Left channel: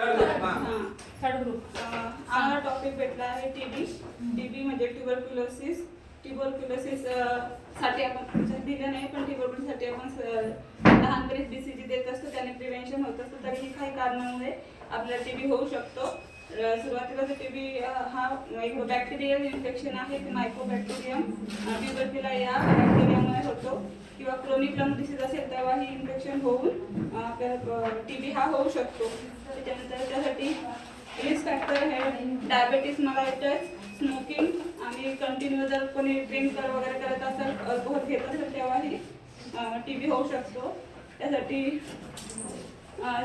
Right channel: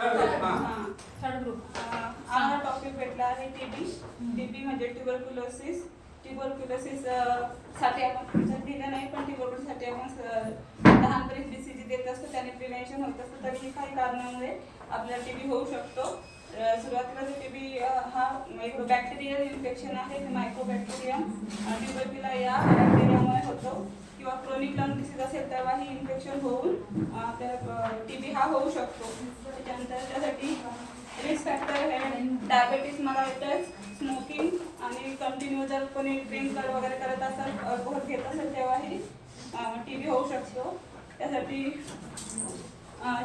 Third group आम्हाला topic भेटला आहे टीबी म्हणजे ट्युबरक्युलोसिस साठी आपण तुमच्यात दिलं नाही, पण ट्युबरक्युलोसिससाठी आपण लहानपणी BCG देत असतो, त्याने प्रिव्हेन्शन होत असतं. तरीही काही कारणामुळे आपल्याला टीबी होऊ शकतो. सुरुवातीला टीबी हा एक बॅक्टेरियल इन्फेक्शन आहे, मायक्रोबॅक्टेरियम ट्युबरक्युला या बॅक्टेरियामुळे होतो, किंवा क्रोनिक लंग डिसीज असेल तेव्हा ही इन्फेक्शन होऊन आपल्याला टीबी हा होऊ शकतो. त्याच्यानंतर त्यासाठी रिस्क फॅक्टर हे डायबेटीस, मलायटिस, स्मोकिंग आणि कंटिन्यू जर कोणी ड्रिंक वगैरे करत असेल, अल्कोहोल घेत असेल तेव्हाही टीबी होऊ शकतो. त्यासाठी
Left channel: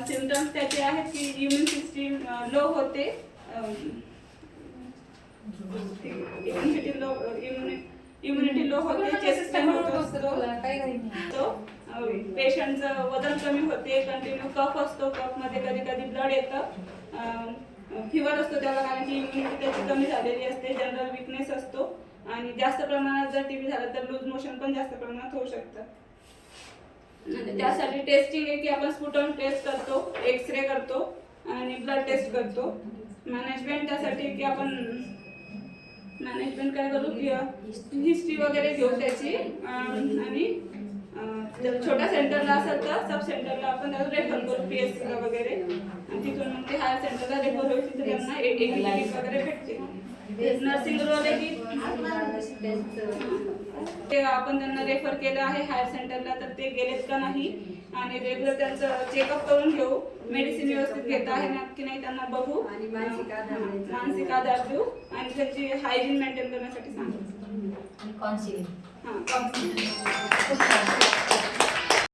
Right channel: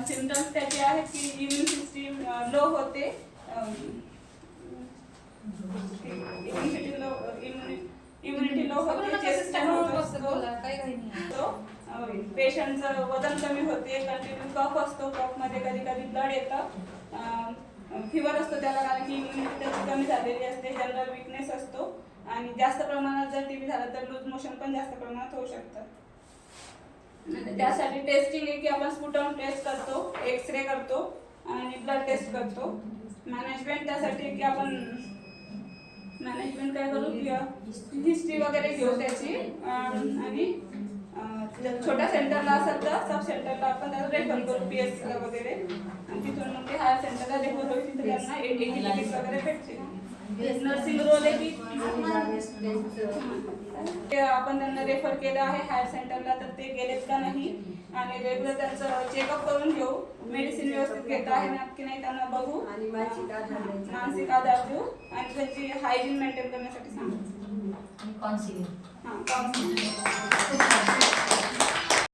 सिम्पटम्स त्याचे आहेत की इम्युन सिस्टीम लो होते, इम्युनिटी लो होते, चेस्ट पेशंटचं वजन कमी होते, कंटिन्यू कफ असतो, कफमध्ये कधी कधी ब्लड येतं, फिवर असतो त्याला, कारण की इम्युनिटी त्याची कमी झालेली असते, जनरल विकनेस असतो, आणि जास्त प्रमाणात जर टीबी झालं तर लूज मोशन पण जास्त प्रमाणात होऊ शकतं. त्यासाठी टेस्टिंग आहे की आपण स्पुटम टेस्ट करतो, एक्सरे करतो आणि ब्लड टेस्ट करतो. मॅनेजमेंट त्यासाठी की आपण मॅनेजमेंट काय करू की हिस्ट्री वगैरे घेऊ त्याची, आणि जर छोट्या सेंटरला असेल तर सब सेंटरला आपण रेफर करू PS वगैरे, आणि तिथून मग ते हायर सेंटरला रेफर होईल, तिथे त्यांना एटीपीस वगैरे भेटते. नर्सिंग रोल आहे की ते आपण त्यांना रेफर केलं आहे हायर सेंटरला, तर ते गेलेत का नाही, आणि रेग्युलर त्यांचं चेकअप करून घेऊ, मेडिसिन व्यवस्थित घेत आहे नक्की नाही त्यांना बघू, आणि मानसिक आधार देऊ, आणि त्यांची हायजीन मेंटेन करण्यासाठी सांगू. काउन्सिलिंग. हां, काउन्सिलिंग.